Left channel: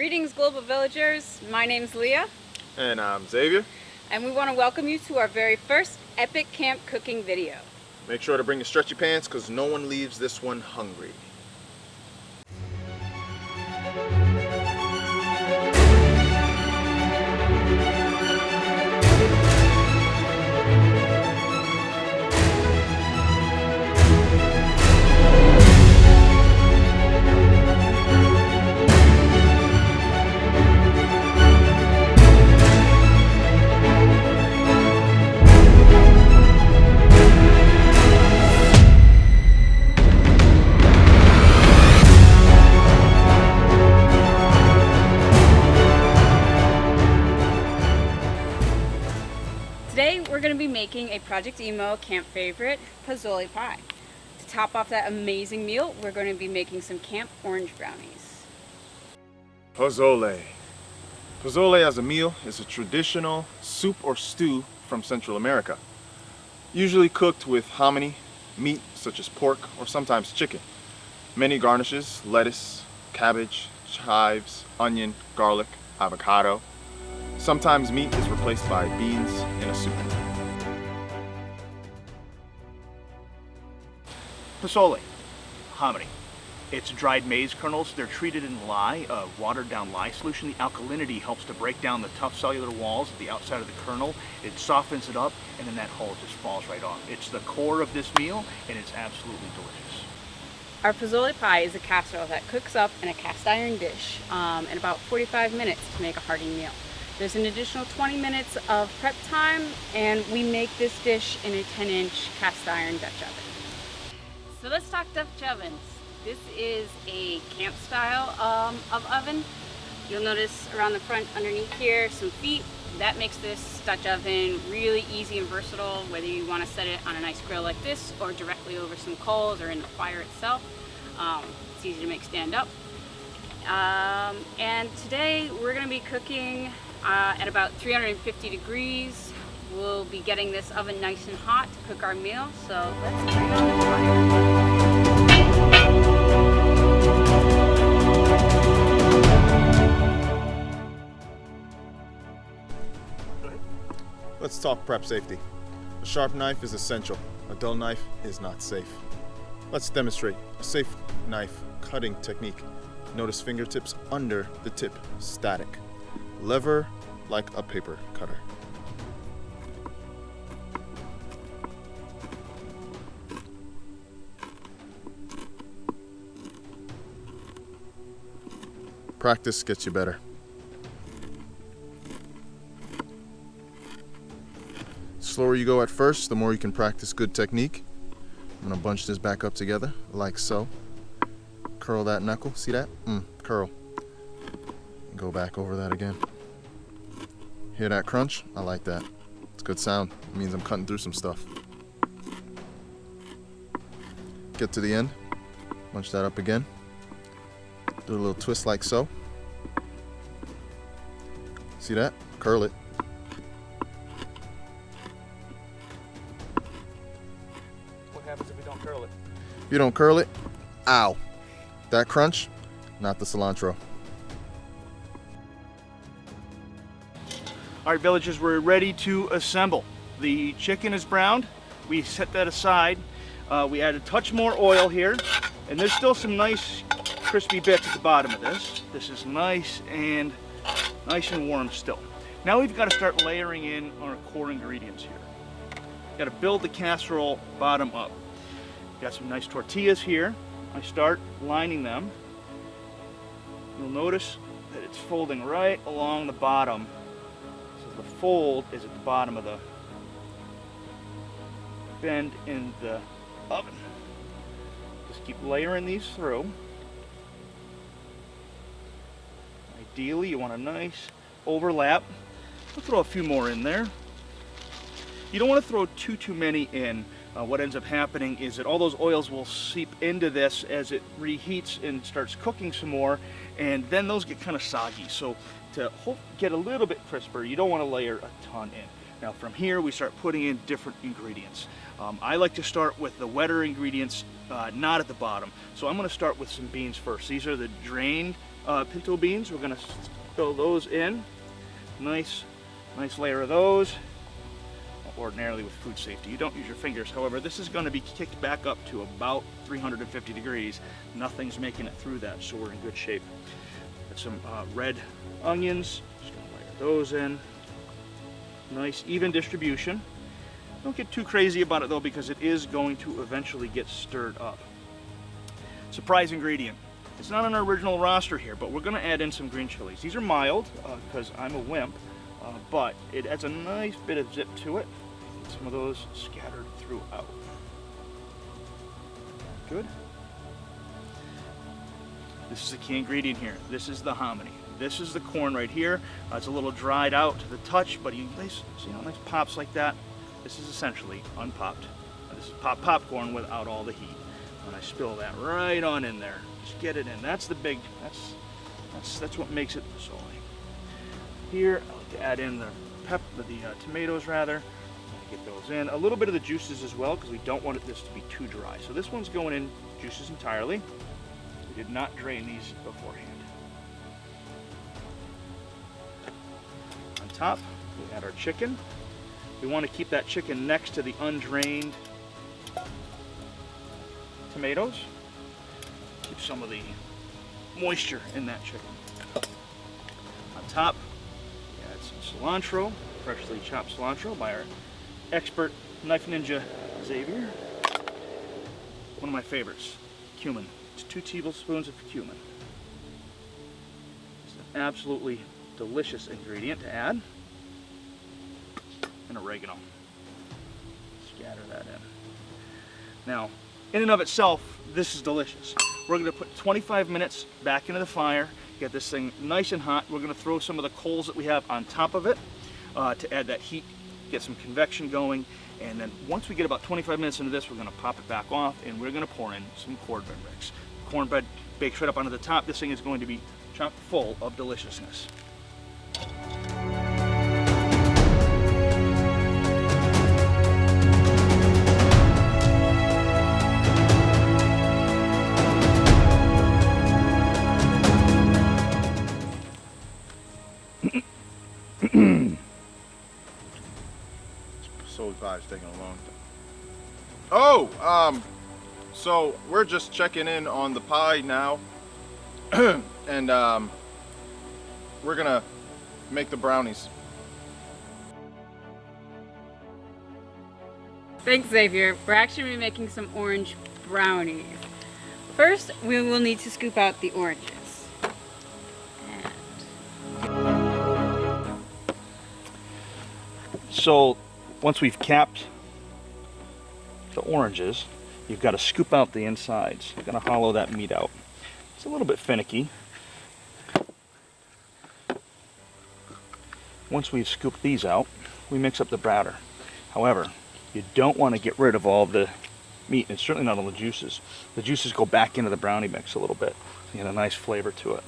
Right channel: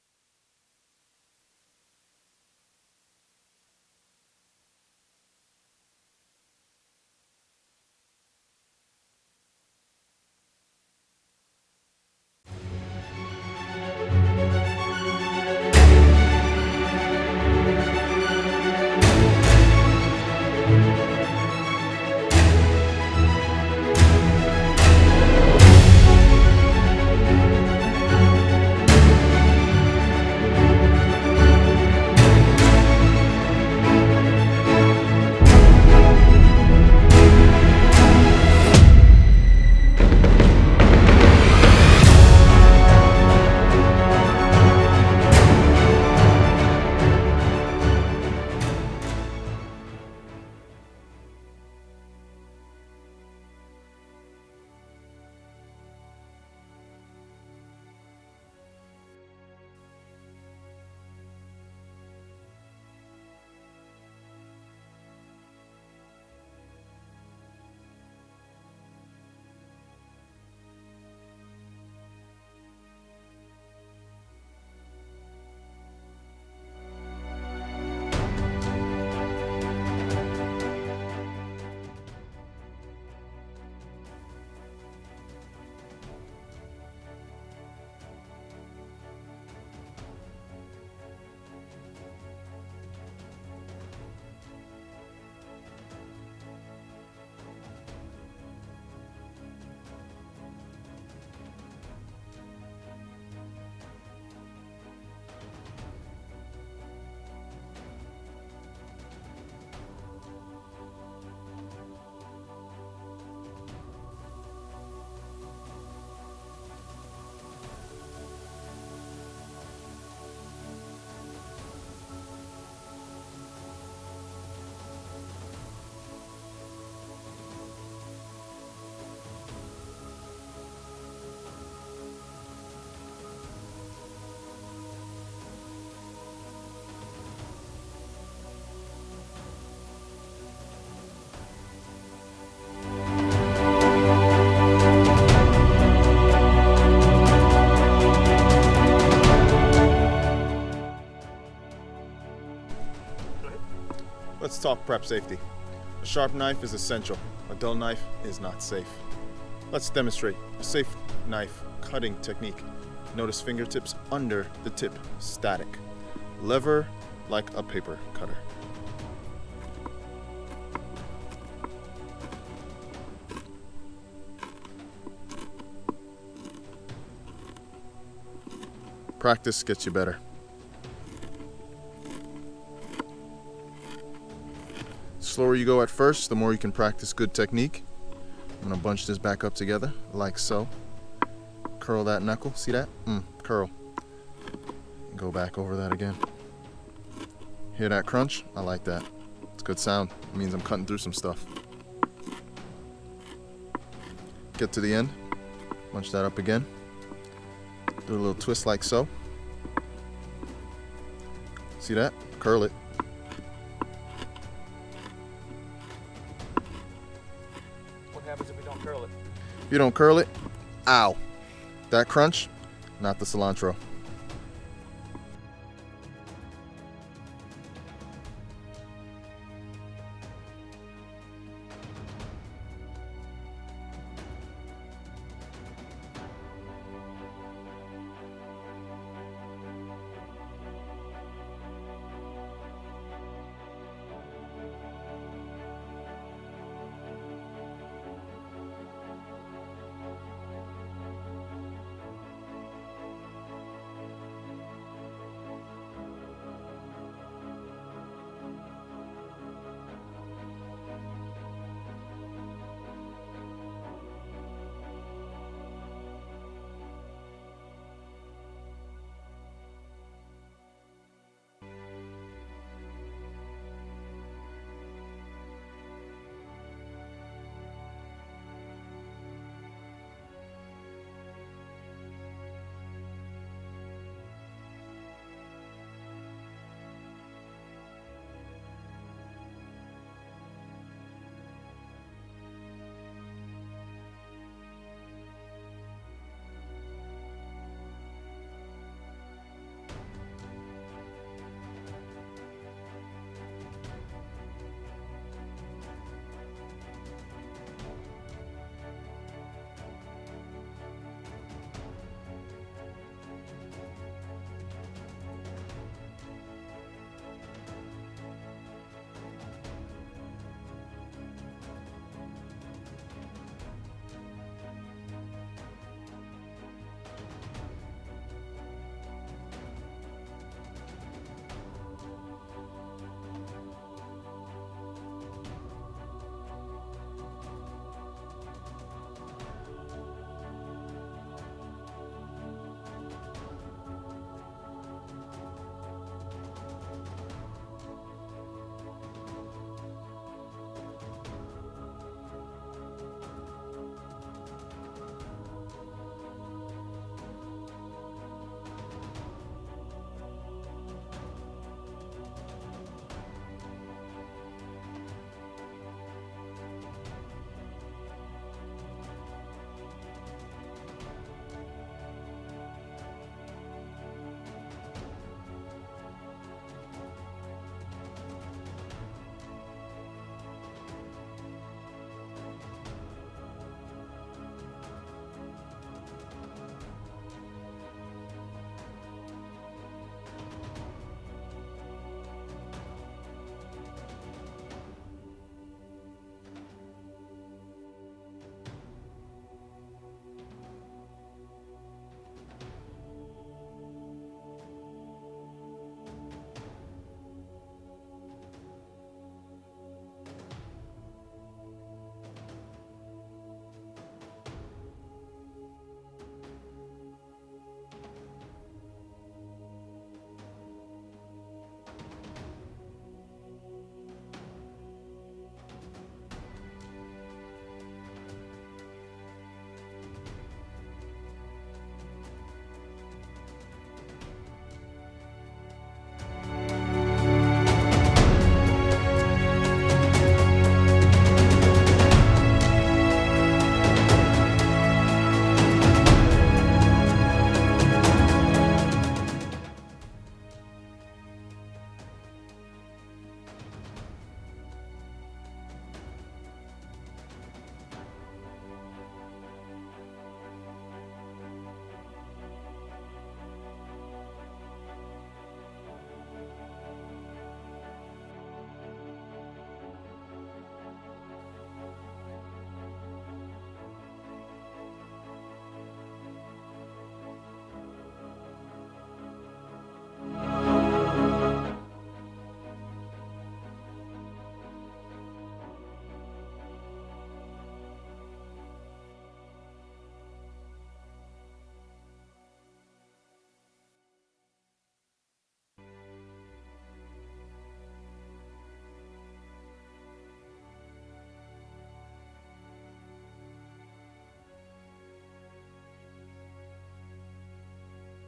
Greetings, global villagers. My name's Leah. And I'm Xavier. And we want to welcome you to our very first epic camp cooking video. Make sure to bring your stretchy pants because no one leaves this one hungry. Today we're going to be making a Project Emo camp favorite, Pozole pie. To top off that amazing meal, we're going to be making some camp orange brownies. Pozole. Pozole as a meal is a traditional soup or stew from Central America. Usually cooked with hominy, meat such as pork or sometimes chicken. Many garnishes, lettuce, cabbage, chives, onion, garlic, avocado. Sometimes meat is replaced by beans in a soup. Pozole, hominy. It's dried maize kernels. They're treated in lye, a watered down lye solution. The alkalinity helps to break down the tough cellular walls at the outside of the kernel. It softens it up, and then that hull just falls right off. It's the core of this meal, and it's absolutely delicious. Our Pozole pie is a casserole that cooks up in a cast iron dish in about 45 minutes to make a hearty meal. There's an additional 20 minutes of prep time, and we make this dish in a 10-inch cast iron Dutch oven. So let's talk Dutch ovens. This is a camp style of oven. You'll notice around the front underneath here some feet. That makes this Dutch oven really easy and versatile, whether you want to set it on a nice grill like this or directly over some coals or in the fire itself. It's easy to make stand up. And today we're going to be cooking at about 350 degrees. We'll be getting this oven nice and hot to cook our meal, so let's Let's talk prep safety. A sharp knife is essential. A dull knife is not safe. Let's demonstrate a safe knife cutting technique. Notice fingertips under the tip, static. Lever like a paper cutter. Practice gets you better. The slower you go at first, the more you can practice good technique. I'm gonna bunch this back up together like so. Curl that knuckle, see that? Curl. Go back over that again. Hear that crunch? I like that. It's a good sound. It means I'm cutting through some stuff. Get to the end. Bunch that up again. Do a little twist like so. See that? Curl it. What happens if we don't curl it? If you don't curl it, ow. That crunch, not the cilantro. All right, villagers, we're ready to assemble. The chicken is browned. We set that aside. We add a touch more oil here, and there's still some nice crispy bits at the bottom of this. This is nice and warm still. Now we've got to start layering in our core ingredients here. Got to build the casserole bottom up. Got some nice tortillas here. I start lining them. You'll notice that it's folding right along the bottom. So the fold is at the bottom of the bend in the oven. Just keep layering these through. Ideally, you want a nice overlap. I'll throw a few more in there. You don't want to throw too many in. What ends up happening is that all those oils will seep into this as it reheats and starts cooking some more, and then those get kind of soggy. So to get a little bit crisper, you don't want to layer a ton in. Now from here we start putting in different ingredients. I like to start with the wetter ingredients, not at the bottom. So I'm going to start with some beans first. These are the drained pinto beans. We're gonna fill those in. Nice layer of those. Ordinarily with food safety, you don't use your fingers. However, this is going to be kicked back up to about 350 degrees. Nothing's making it through that, so we're in good shape. Got some red onions. Just gonna layer those in. Nice even distribution. Don't get too crazy about it though, because it is going to eventually get stirred up. Surprise ingredient. It's not on our original roster here, but we're going to add in some green chilies. These are mild because I'm a wimp, but it adds a nice bit of zip to it. Some of those scattered throughout. Good. This is the key ingredient here. This is the hominy. This is the corn right here. It's a little dried out to the touch, but you see how nice pops like that? This is essentially unpopped. This is popcorn without all the heat. And I spill that right on in there. Just get it in. That's the big. That's what makes it pozole. Here, I like to add in the tomatoes rather. In a little bit of the juices as well, because we don't want this to be too dry. So this one's going in juices entirely. We did not drain these beforehand. On top, we add our chicken. We want to keep that chicken next to the undrained tomatoes. Keep some of the moisture in that chicken. On top, we add some cilantro, freshly chopped cilantro by our expert knife ninja Xavier. One of my favorites, cumin. It's 2 tablespoons of cumin. It's an absolutely delicious ingredient to add. And oregano. Scatter that in. Now, in and of itself, this is delicious. We're going to put 25 minutes back into the fire, get this thing nice and hot. We're going to throw some of the coals that we have on top of it to add that heat, get some convection going, and then once we get about 25 minutes into this, we're going to pop it back off and we're going to pour in some cornbread mix. Cornbread baked right up onto the top. This thing is going to be chock full of deliciousness. Pie's taking a long time. So we're just checking in on the pie now, and we're gonna make the brownies. Thanks, Xavier. We're actually making some orange brownies. First, we will need to scoop out the oranges. So once we've capped the oranges, you've got to scoop out the insides. You're going to hollow that meat out. It's a little bit finicky. Once we've scooped these out, we mix up the batter. However, you don't want to get rid of all the meat, and certainly not all the juices. The juices go back into the brownie mix a little bit. You get a nice flavor to it.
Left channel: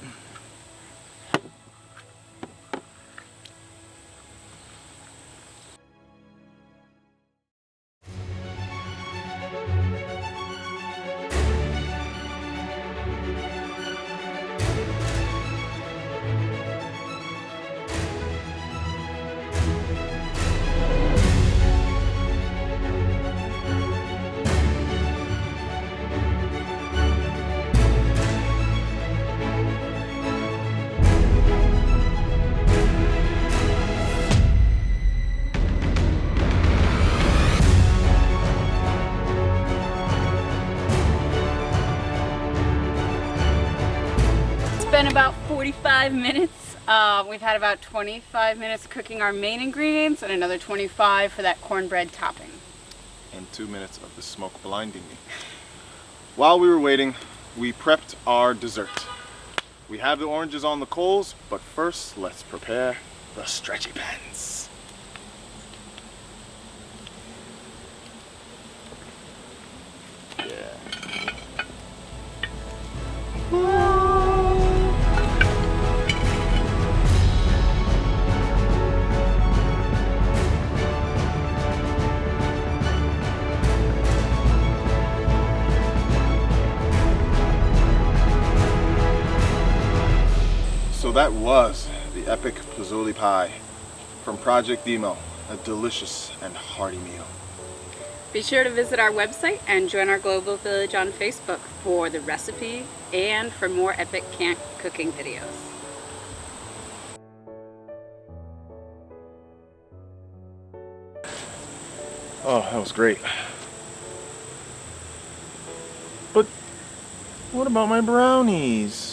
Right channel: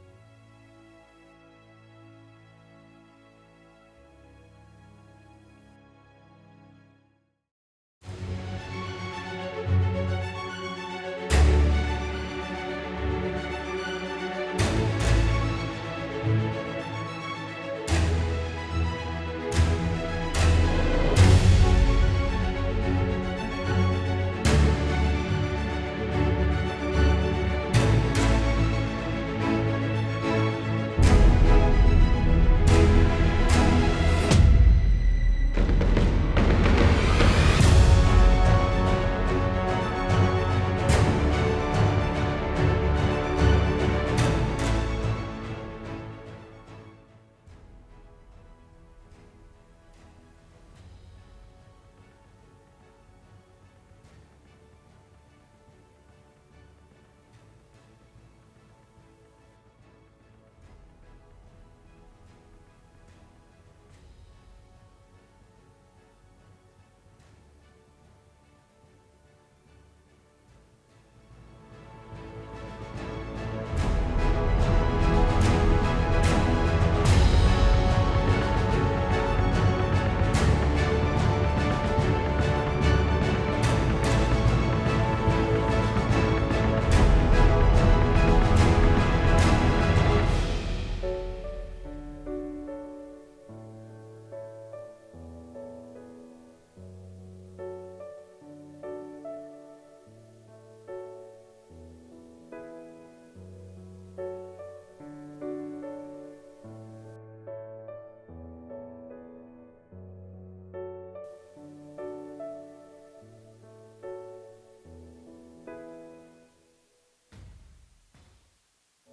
About 45 minutes. We've had about 25 minutes cooking our main ingredients and another 25 for that cornbread topping. And 2 minutes of the smoke blinding me. While we were waiting, we prepped our dessert. We have the oranges on the coals, but first let's prepare the stretchy pans. that was the epic Pozole pie from Project Demo, a delicious and hearty meal. Be sure to visit our website and join our Global Village on Facebook for the recipe and for more epic camp cooking videos. Oh, that was great. But what about my brownies?